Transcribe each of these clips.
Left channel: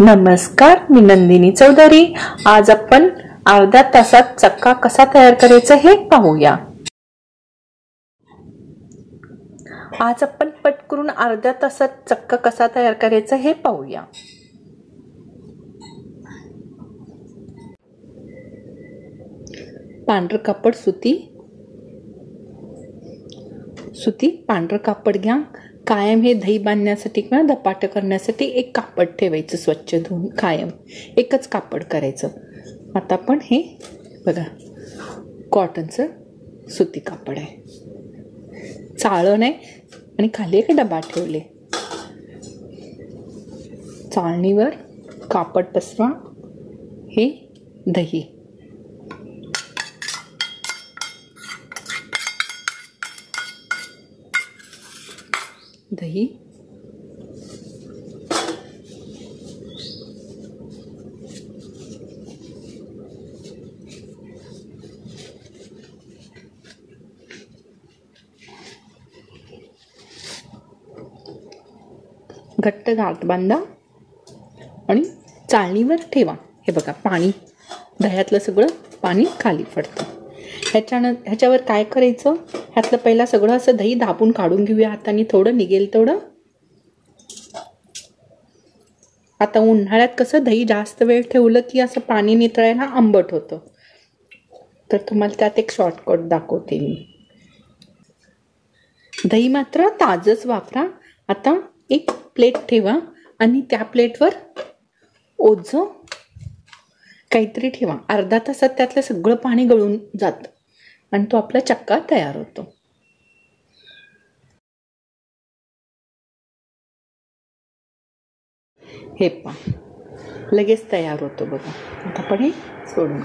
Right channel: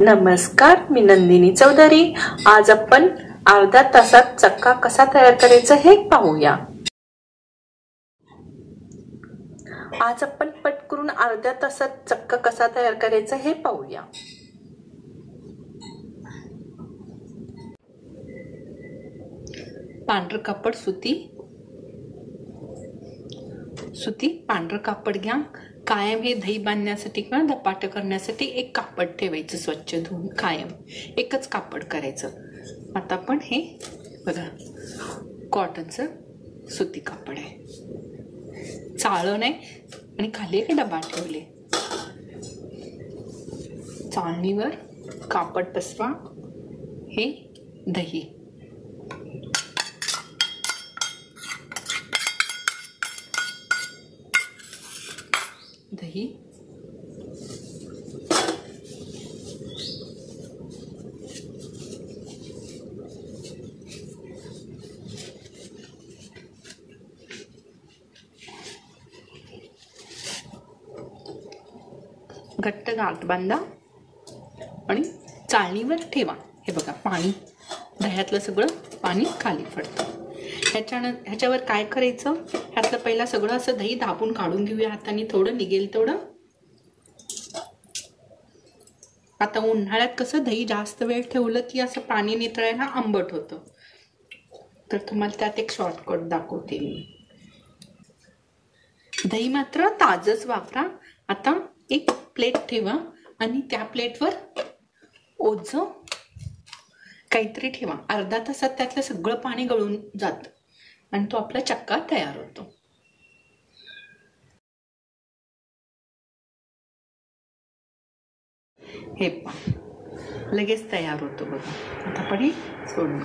नमस्कार मी नंदिनी चौधरी. आज आपण अर्ध्या तासात चक्का कसा तयार करायचा हे पाहूया. आज आपण पट करून अर्ध्या तासात चक्का कसा तयार करायचा हे पाहूया. पांढरं कापड सुती सुती पांढरं कापड घ्या. कायम हे दही बांधण्यासाठी किंवा धपाट करण्यासाठी एक कापड ठेवायचं स्वच्छ धुवून कायम. एकच कापड करायचं. आता पण हे बघा कॉटनचं सुती कापड आहे. चाळण आहे आणि खाली एक डबा ठेवले. चाळणीवर कापड पसवा. हे दही. दही घट्ट घात बांधा आणि चाळणीवर ठेवा. हे बघा पाणी. दह्यातलं सगळं पाणी खाली पडतं. ह्याच्यानं ह्याच्यावर काय करायचं? ह्यातलं पहिला सगळं असं दही दाबून काढून घेऊया हाताने. थोडं निघेल तेवढं. आता उन्हाळ्यात कसं दही जास्त वेळ ठेवलं की असं पाणी नितळायला आंबट होतं. तर तुम्हाला त्यात एक शॉर्टकट दाखवते मी. दही मात्र ताजच वापरा. आता एक प्लेट ठेवा आणि त्या प्लेटवर ओझं काहीतरी ठेवा. अर्धा तासात त्यातलं सगळं पाणी गळून जात. आणि तो आपला चक्का तयार होतो. हे पा लगेच तयार होतो बघा. आता आपण हे सोडून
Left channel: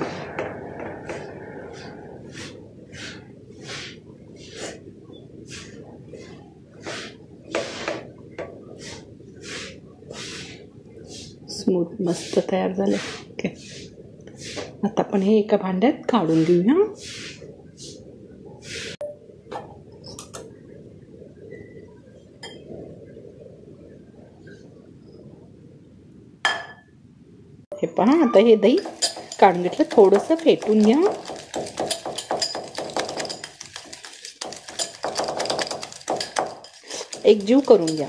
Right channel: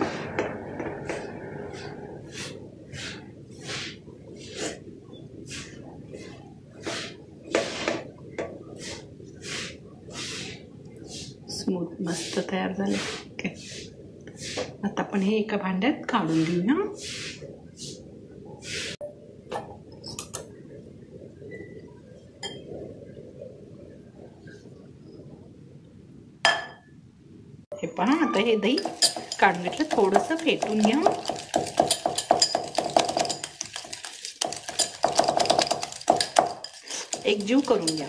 स्मूथ मस्त तयार झालं. ओके. आता आपण हे एका भांड्यात काढून घेऊया. हे पहा आता हे दही काढून घेतलं थोडंसं फेटून घ्या. एक जीव करून घ्या.